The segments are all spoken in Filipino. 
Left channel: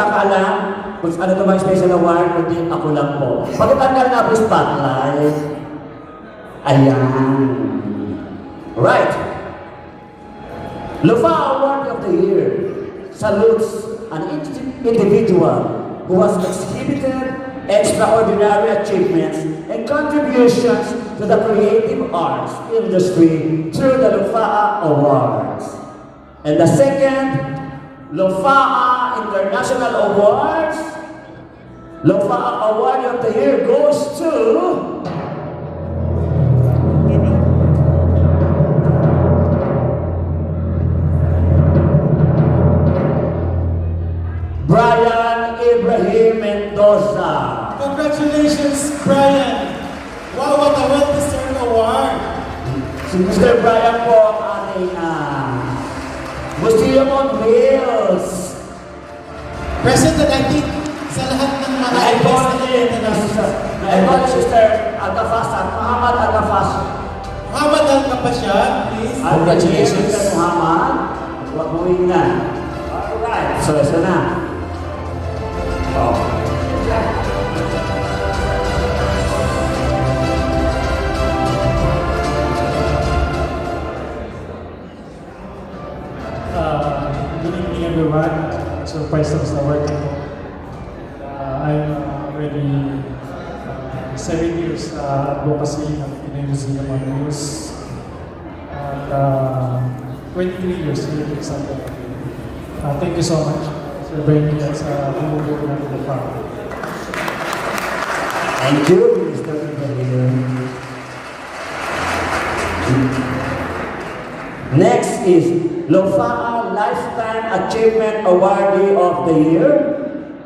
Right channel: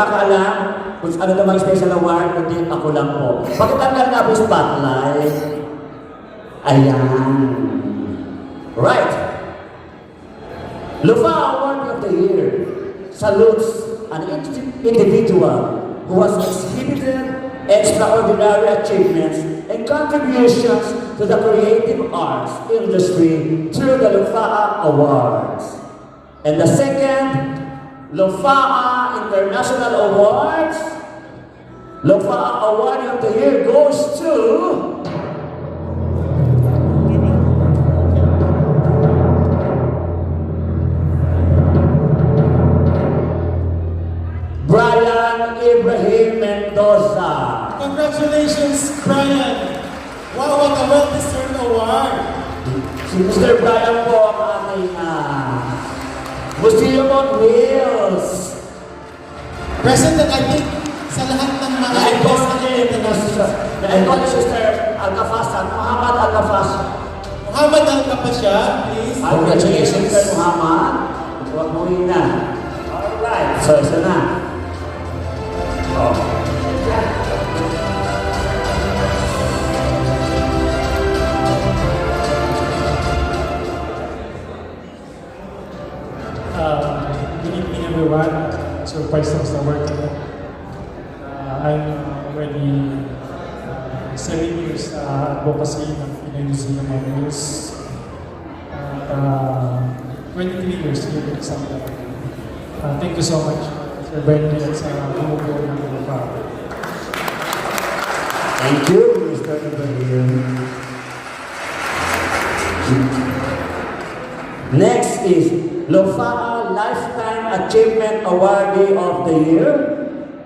nakakaalam kung ano naman special award, kundi ako lang po. Pagkatanggal na po spotlight. Ayan. Right. Lufa Award of the Year salutes an individual who has exhibited extraordinary achievements and contributions to the creative arts industry through the Lufa Awards. And the second, Lufa International Awards. Lufa Award of the Year goes to Brian Ibrahim Mendoza. Congratulations, Brian! Wow, what a well-deserved award! Si Mr. Brian po ang ating Museum on Wheels. President, I think, sa lahat ng mga events na Na-involve si Mr. Agafas, Muhammad Agafas. Muhammad Al-Kapasya, please. Congratulations, Mr. Muhammad. Huwag mo na. Alright, so isa na. Good evening, everyone. So, Priceless Award. I'm already 7 years advocacy of PNC News. 23 years here in Santa. Thank you so much for being with us. Thank you, Mr. Ibrahim. Next is Lufa Lifetime Achievement Awardee of the Year.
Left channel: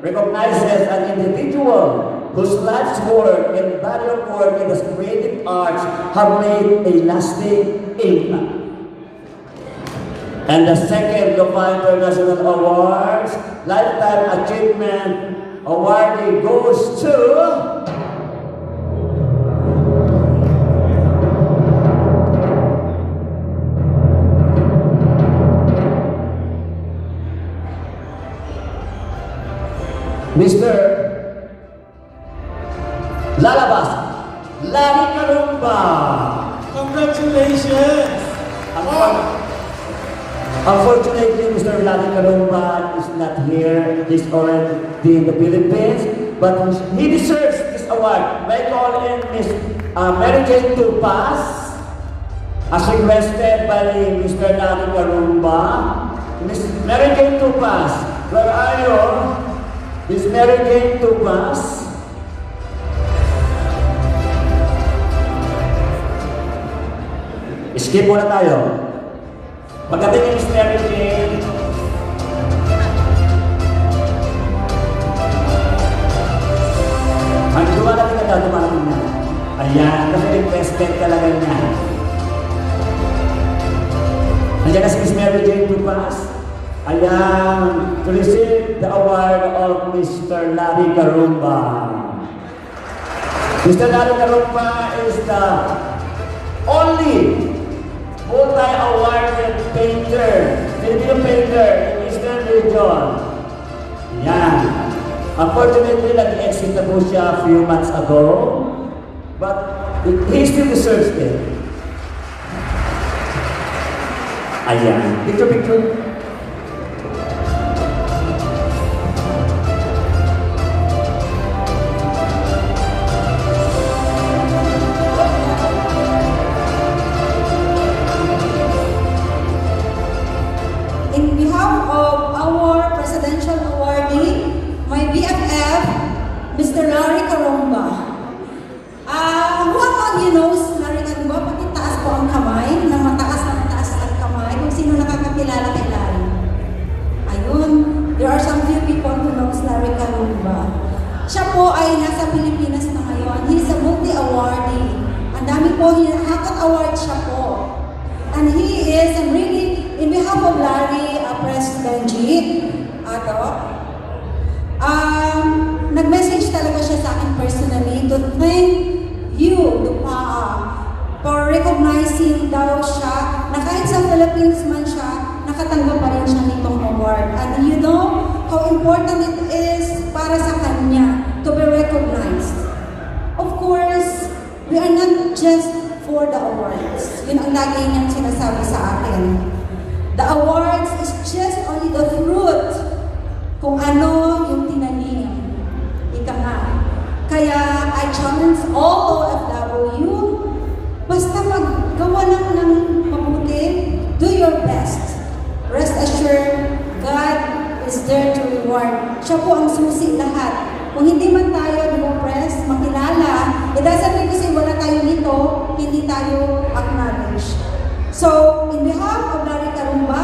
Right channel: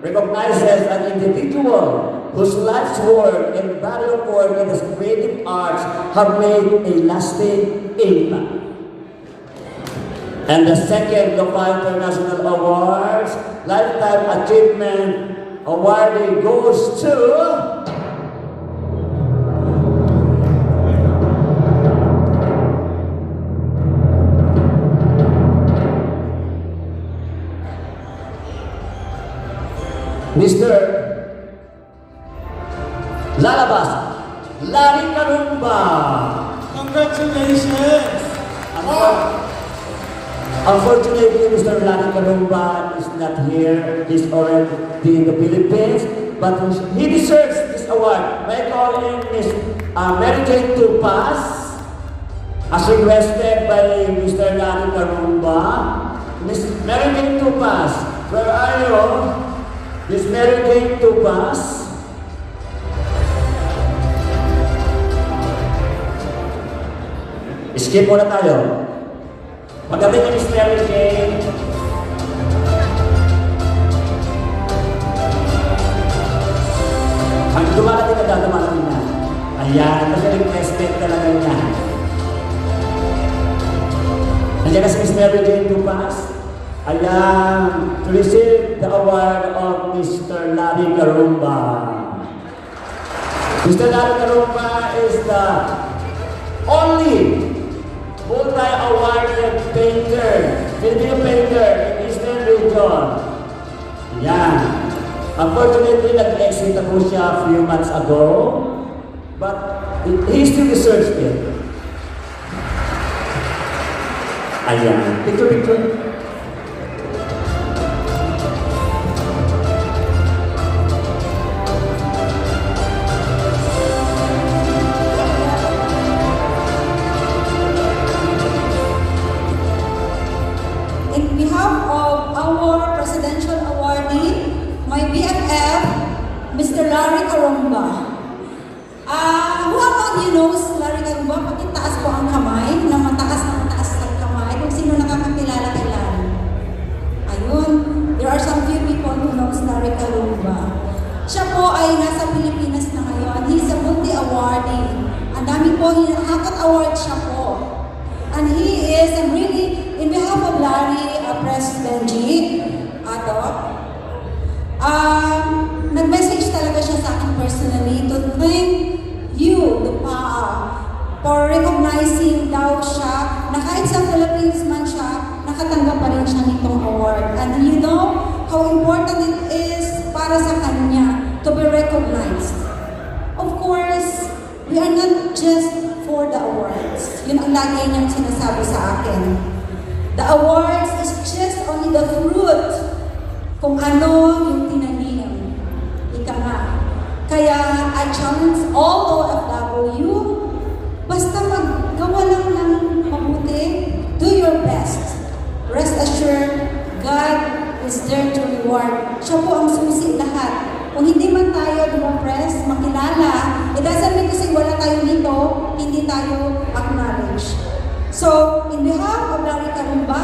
Recognizes an individual whose life's work and body of work in the creative arts have made a lasting impact. And the second Lufa International Awards Lifetime Achievement Awardee goes to Mr. Lalabas Lani Karumba. Congratulations! Unfortunately, Mr. Lani Karumba is not here. He's already in the Philippines, but he deserves this award. May I call in Miss Mary Jane Tupas, as requested by Mr. Lani Karumba. Miss Mary Jane Tupas, where are you? Miss Mary Jane Tupas. Skip muna tayo. Pagdating ni Miss Mary Jane, ang dumarating na. Ayan, nasa-requested talaga niya. Nandiyan na si Miss Mary Jane Tupas. Ayan, to receive the award of Mr. Larry Karumba. Mr. Larry Karumba is the only multi-awarded painter, Filipino painter in Eastern Region. Ayan. Unfortunately, nag-exit na po siya a few months ago, but he still deserves it. Ayan. Picture. In behalf of our Presidential Awardee, my BFF, Mr. Larry Karumba. Who among you knows Larry Karumba? Pakitaas po ang kamay, na mataas ang kamay, kung sino nakakakilala kay Larry. Ayun, there are some few people who knows Larry Karumba. Siya po ay nasa Pilipinas na ngayon. He's a multi-awardee. Ang dami po, nakaka-award siya po. And he is, and really, in behalf of Larry, President G, nag-message talaga siya sa akin personally to thank you for recognizing daw siya na kahit sa Philippines man siya, nakatanggap pa rin siya nitong award. And you know how important it para sa kanya to be recognized. Of course, we are not just for the awards. Yun ang lagi niyang sinasabi sa akin. The awards is just only the fruit kung ano yung tinanim. Ika nga. Kaya I challenge all OFW, basta maggawa lang ng mabuti, do your best. Rest assured, God is there to reward. Siya po ang susi lahat. Kung hindi man tayo dumapress, makilala, it doesn't mean kasi wala tayo dito, hindi tayo acknowledge. So, in behalf of Larry Carumba,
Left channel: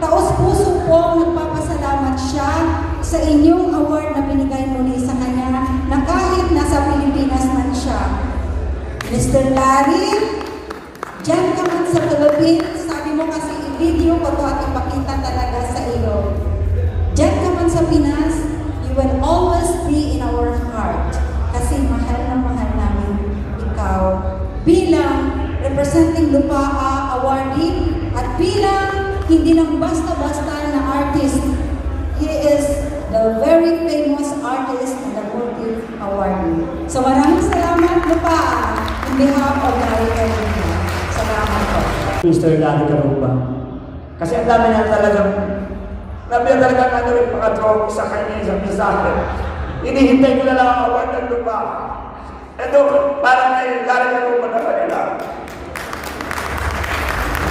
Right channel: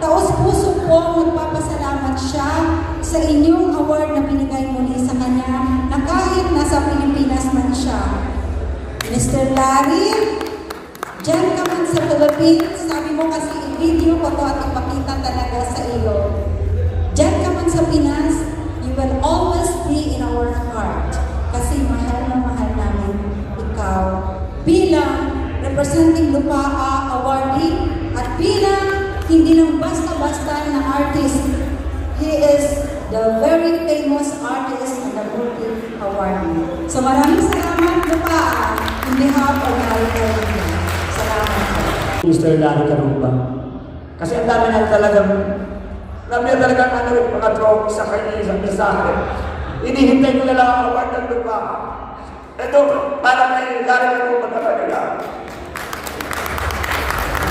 taos-puso po nagpapasalamat siya sa inyong award na binigay muli sa kanya na kahit nasa Pilipinas man siya. Mr. Larry, dyan ka man sa Philippines, sabi mo kasi i-video ko to at ipakita talaga sa iyo. Dyan ka man sa Pinas, you will always be in our heart kasi mahal na mahal namin ikaw bilang representing Lupaa awardee at bilang hindi lang basta-basta na artist. He is the very famous artist and the Bookie awardee. So maraming salamat Lupaa in behalf of Larry Carumba. Salamat po. Mr. Larry Carumba. Kasi ang dami na talagang ano yung mga tropa sa kanya sa mensahe. Hinihintay ko na lang ang award ng lupa. Ito, parang may Larry Carumba na talaga.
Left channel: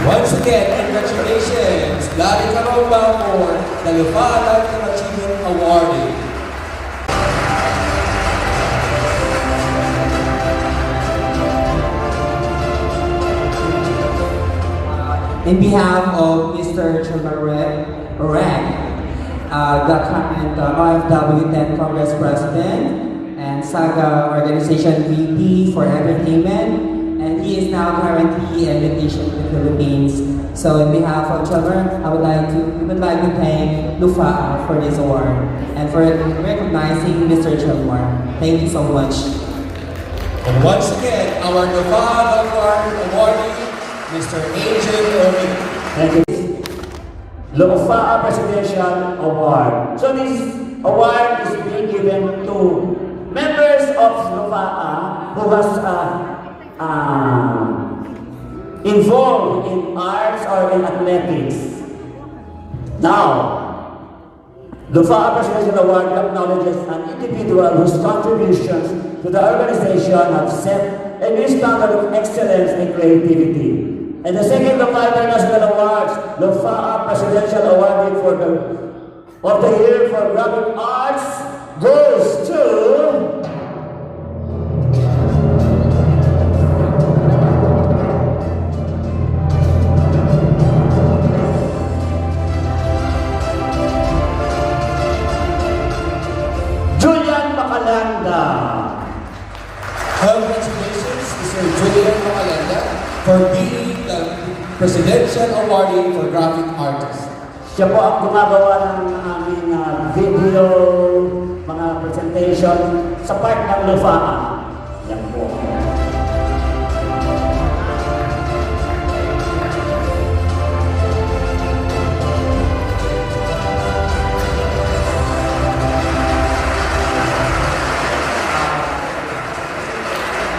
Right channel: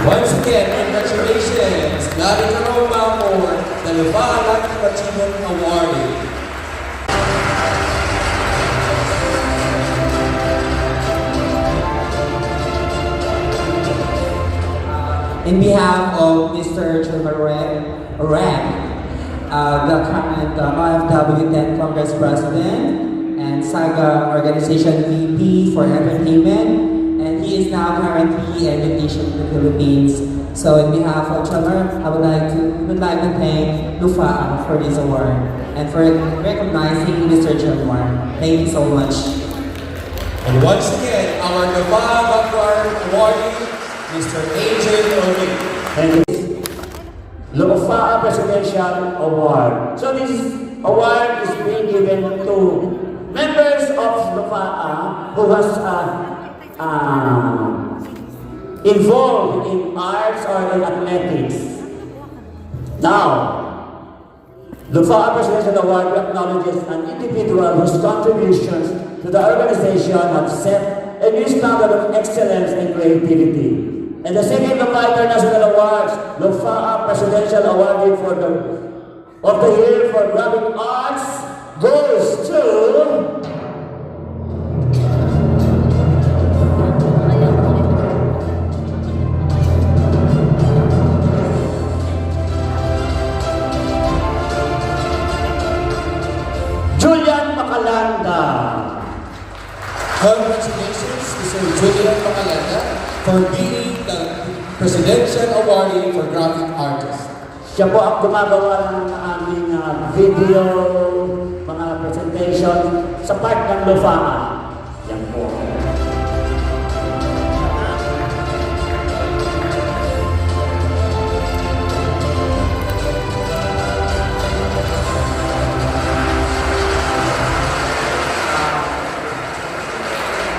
Once again, congratulations, Larry Carumba for the Lupaa Lifetime Achievement Award. In behalf of Mr. Chumarek, the current OFW 10 Congress President and Saga Organization VP for Entertainment, and he is now currently in vacation in the Philippines. So, in behalf of Chumar, we would like to thank Lufa for this award and for recognizing Mr. Chumar. Thank you so much. And once again, our Lupaa awardee, Mr. Adrian Romy. Thank you. Lupaa Presidential Award. So this award is being given to members of Lupaa who was involved in arts or in athletics. Now, Lupaa Presidential Award acknowledges an individual whose contributions to the organization have set a new standard of excellence and creativity. And the second Lupaa International Awards, Lupaa Presidential Award of the Year for Graphic Arts goes to Julian Macalanda. Congratulations, Mr. Julian Macalanda, for being the Presidential Awardee for Graphic Artists. Siya po ang gumagawa ng aming video, mga presentation sa part ng Lupaa. Yan po.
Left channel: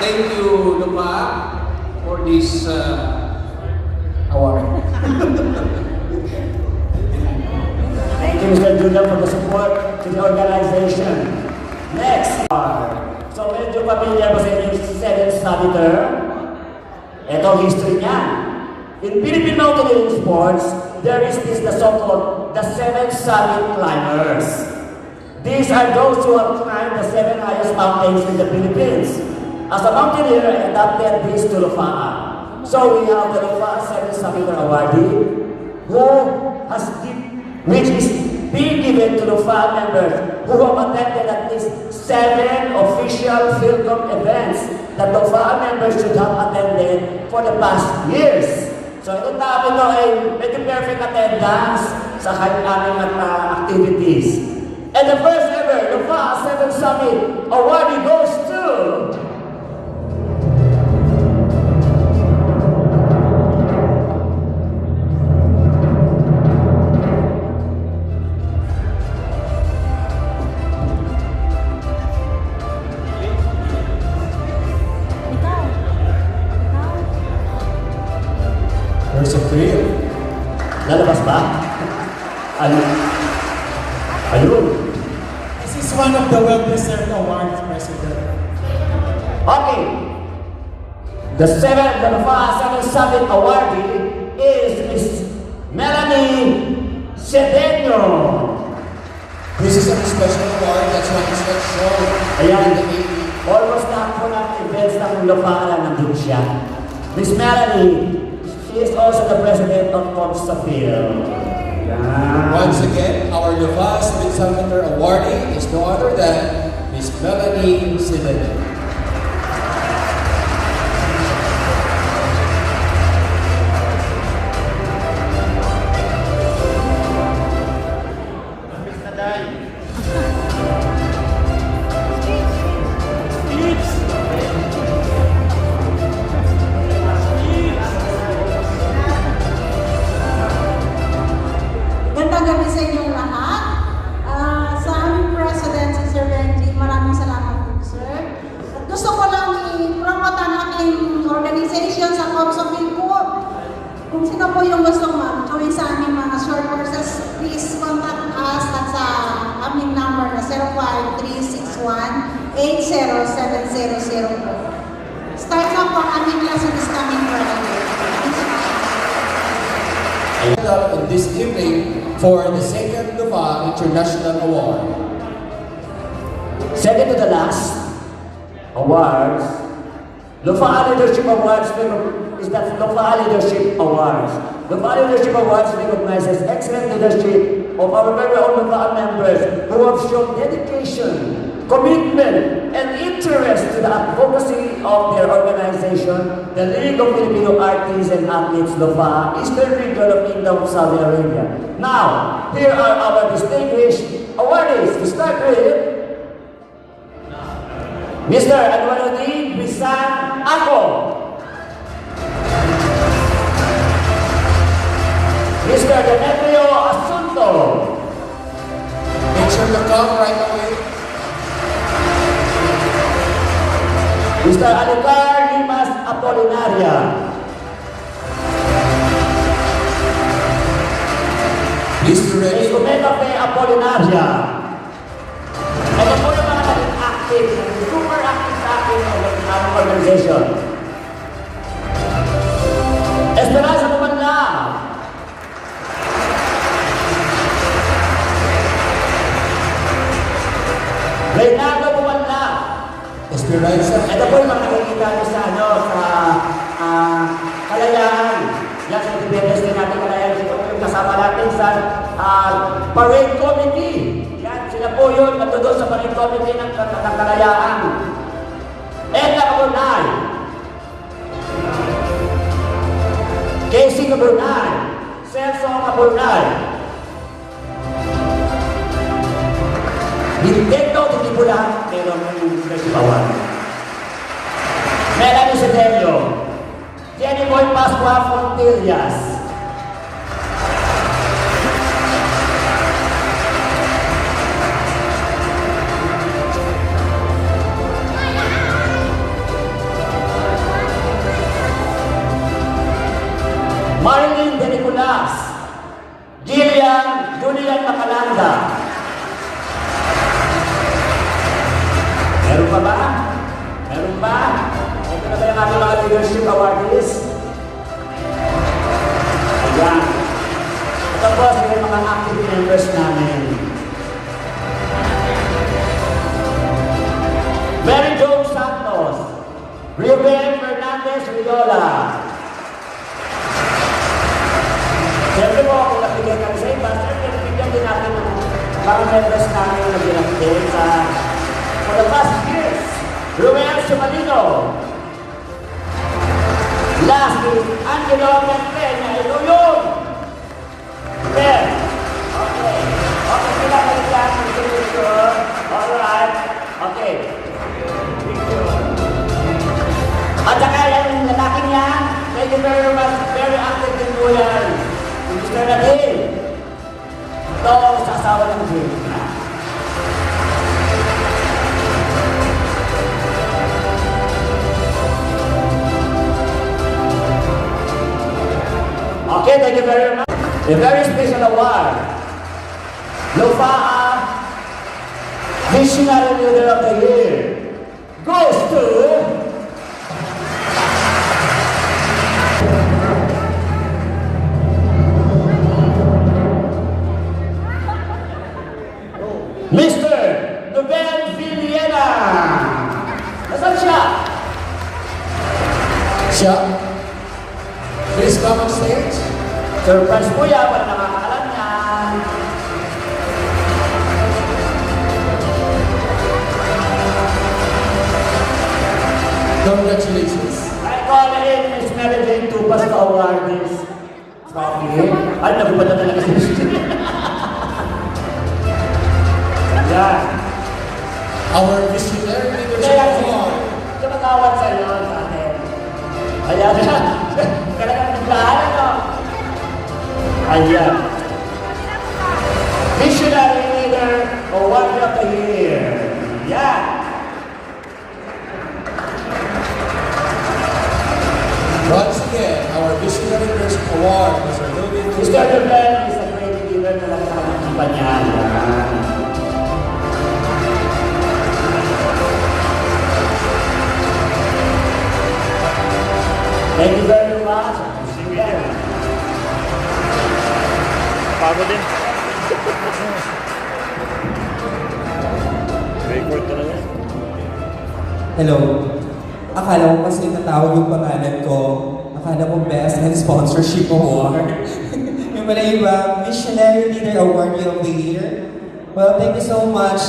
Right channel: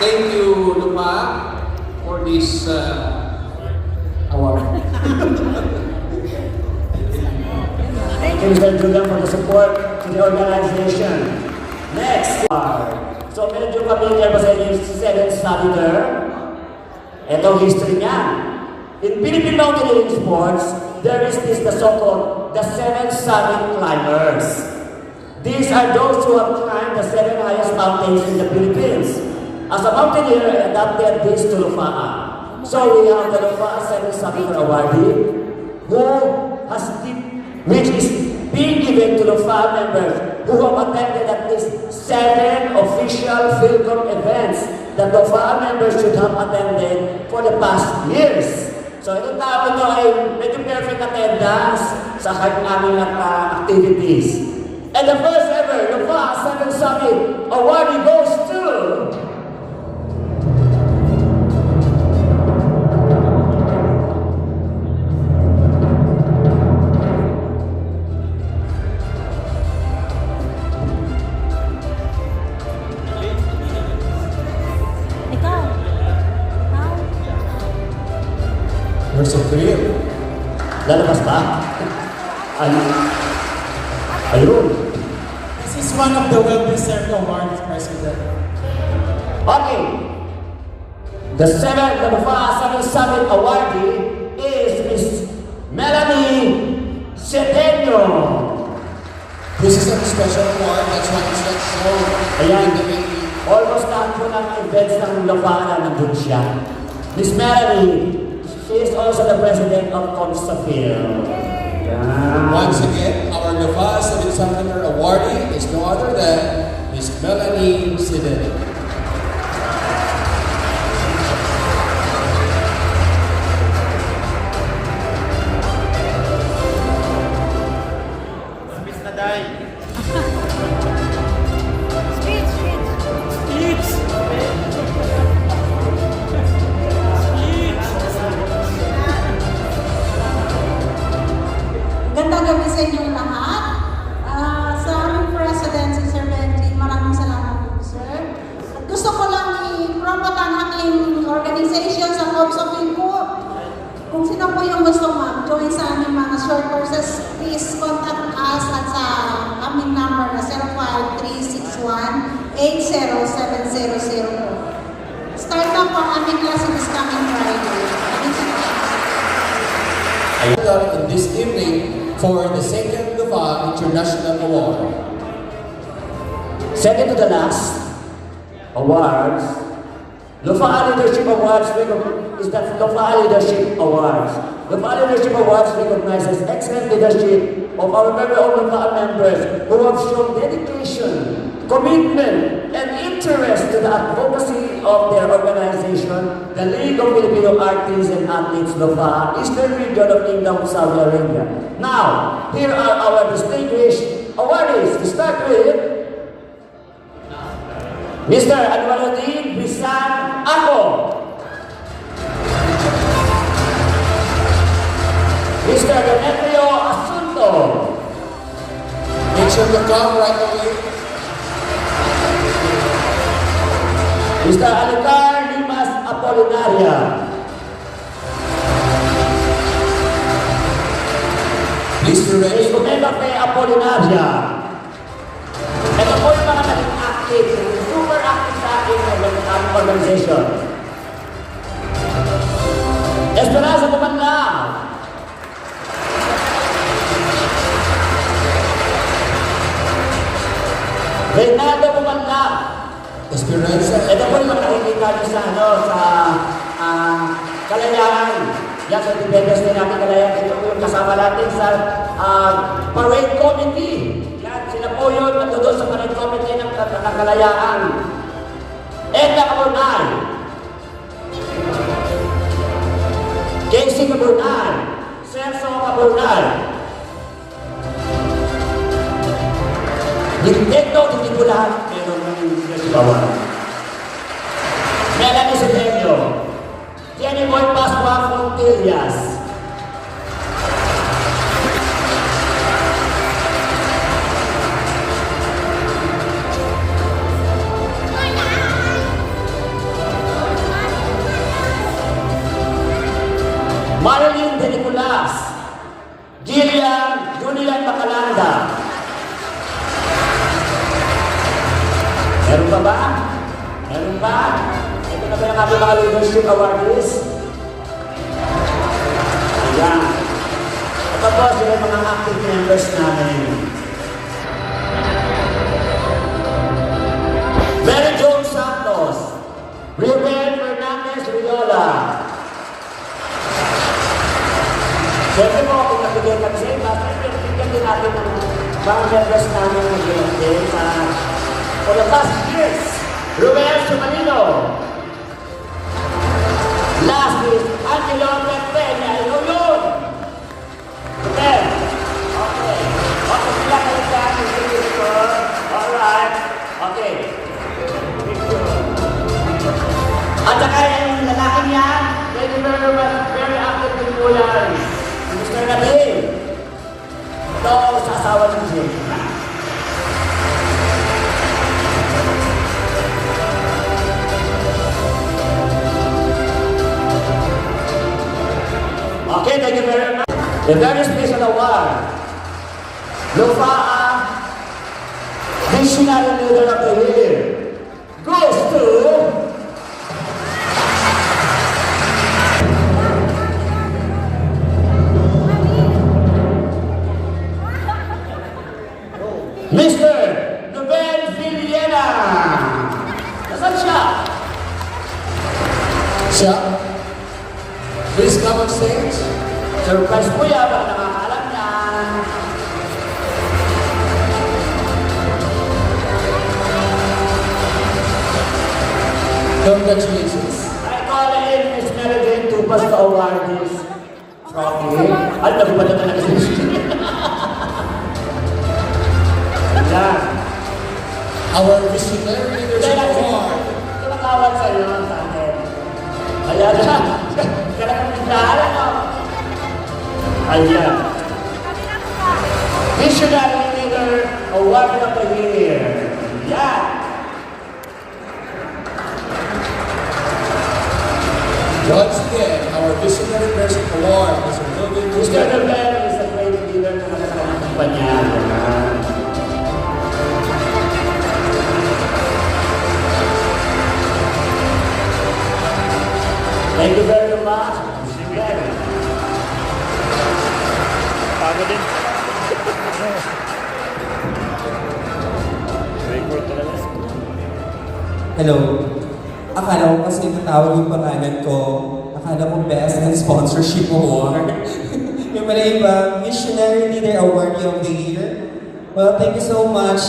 Thank you, Lupaa, for this award. Thank you, Mr. Julian, for the support to the organization. Next. So, medyo familiar pa sa inyo yung Seventh Summiter. Ito ang history niya. In Philippine mountaineering sports, there is this the so-called the Seven Summit Climbers. These are those who have climbed the 7 highest mountains in the Philippines. As a mountaineer, I adapted this to Lupaa. So we have the Lupaa Seven Summiter Awardee, which is being given to Lupaa members who have attended at least 7 official Philcom events that Lupaa members should have attended for the past years. So itong tao ito ay medyo perfect attendance sa kanyang activities. And the first ever Lupaa Seven Summit Awardee goes to the well-deserved award, President. Okay. The Lufaa 7 Summit awardee is Miss Melanie Cedeno. This is a special award that's always not shown Ayan. in the making. Almost lahat po ng events ng Lufaa nandun siya. Miss Melanie, she is also the president of Comstafil. Once again, our Lufaa 7 Summiter awardee is no other than Miss Melanie Cedeno. Gandang gabi sa inyong lahat. Sa aming President, si Sir Benji, maraming salamat po, sir. Gusto ko lang i-promote ang aking organization sa Comstafil po. Kung sino po yung gusto mag-join sa aming mga short courses, please contact us at sa aming number na 05361-80700 po. Start lang po ang aming class this coming Friday. Up in this evening for the second Lufaa International Award. Second to the last awards, Lufaa Leadership Awards is the Lufaa Leadership Awards. Lufaa Leadership Awards recognizes excellent leadership of our very own Lufaa members who have shown dedication, commitment, and interest to the advocacy of their organization, the League of Filipino Artists and Athletes Lufaa, Eastern Region of Kingdom of Saudi Arabia. Now, here are our distinguished awardees. We start with Mr. Anwaruddin Bisan Ako, Mr. Demetrio Asunto, Make sure to come right away. Mr. Alencar Limas Apolinaria, Please be Ms. ready. Omega P. Apolinaria. Ito po yung mga naging active, super active sa akin ng organization. Esperanza Tumanda, Reynaldo Tumanda. Esperanza. Ito po yung mga nakikita nyo sa Kalayaan. Yan sa Tibetas din natin Kalayaan. Ito po yung kasama natin sa parade committee. Yan, sila po yun nandun sa parade committee ng Kalayaan. Eka Abunay. Casey Abunay. Celso Abunay. Nintendo, hindi po lahat. Pero yung nasibawan. Melanie Cedeno. Jenny Boy Pascua Fontillas. Marilyn De Nicolas. Julian Tacalanda. Meron pa ba? Meron ba? Ito na talaga kami mga leadership awardees. Ayan. Ito po sila mga active members namin. Mary Jo Santos. Riobel Fernandez Riola. Siyempre po, kung nakibigay kami sa iba, siyempre bigyan din natin ng mga members namin na ginagday sa for the past years. Ruben Sumalino. Last is Angelo Pena. Yun. Yes. Okay. Okay, sila kayo sa akin. Alright. Okay. Picture. At saka yung lalaki niya, thank you very much. Very active in Bulan. Mr. Nabil. Ito, sasawa ng Jim. Okay, thank you very much. A very special award. Lufaa Visionary Leader of the Year goes to Mr. Nobel Villena. Nasaan siya? Siya. Please come on stage. Surprise po yan, para nakakalam na. Congratulations. I call in Miss Melody to pass the award this trophy. Ay, nagubatan na lang kasi. Yan. Our Visionary Leadership Award. Ito matawag sa iyo sa akin. Ayan na. Kailangan naglahan mo. Ayan. Visionary Leader Award of the Year. Yan. Once again, our Visionary Leadership Award is awarded to Mr. Nobel is a great leader na nasa pangkipan niya. Yan. Thank you very much. Again. Pagod din. Record talaga. Hello. Akala ko kasi natawag yung pangalan ko. Akala ko Best and Sponsorship Award. Yung pala iba, Visionary Leader Award of the Year. Well, thank you so much,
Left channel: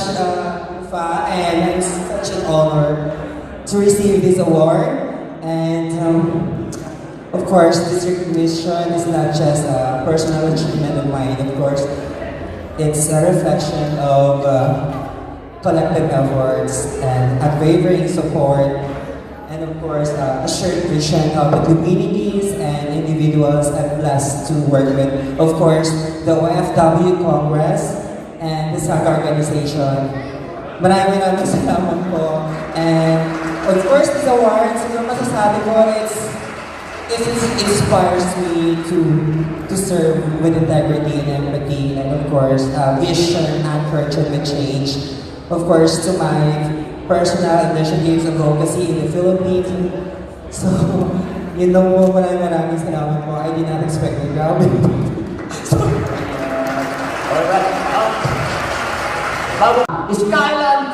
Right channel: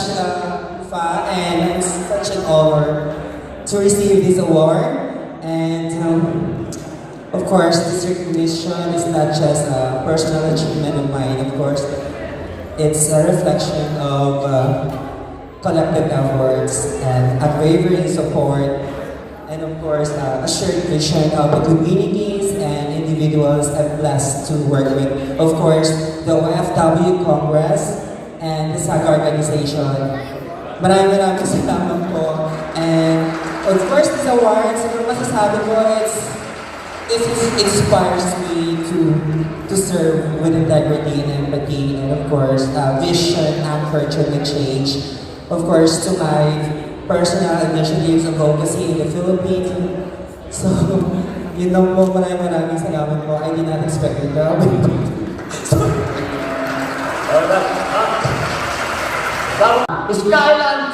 Fa, and it's such an honor to receive this award. And of course, this recognition is not just a personal achievement of mine. Of course, it's a reflection of collective efforts and unwavering support, and of course, a shared vision of the communities and individuals I'm blessed to work with. Of course, the OFW Congress and the SAGA organization. Maraming salamat po. And of course, this award, siguro masasabi ko, it inspires me to serve with integrity and empathy, and of course, vision anchored to the change. Of course, to my personal initiatives and advocacy in the Philippines. So, yun lang po, maraming salamat po. I did not expect it. Grabe. Skyline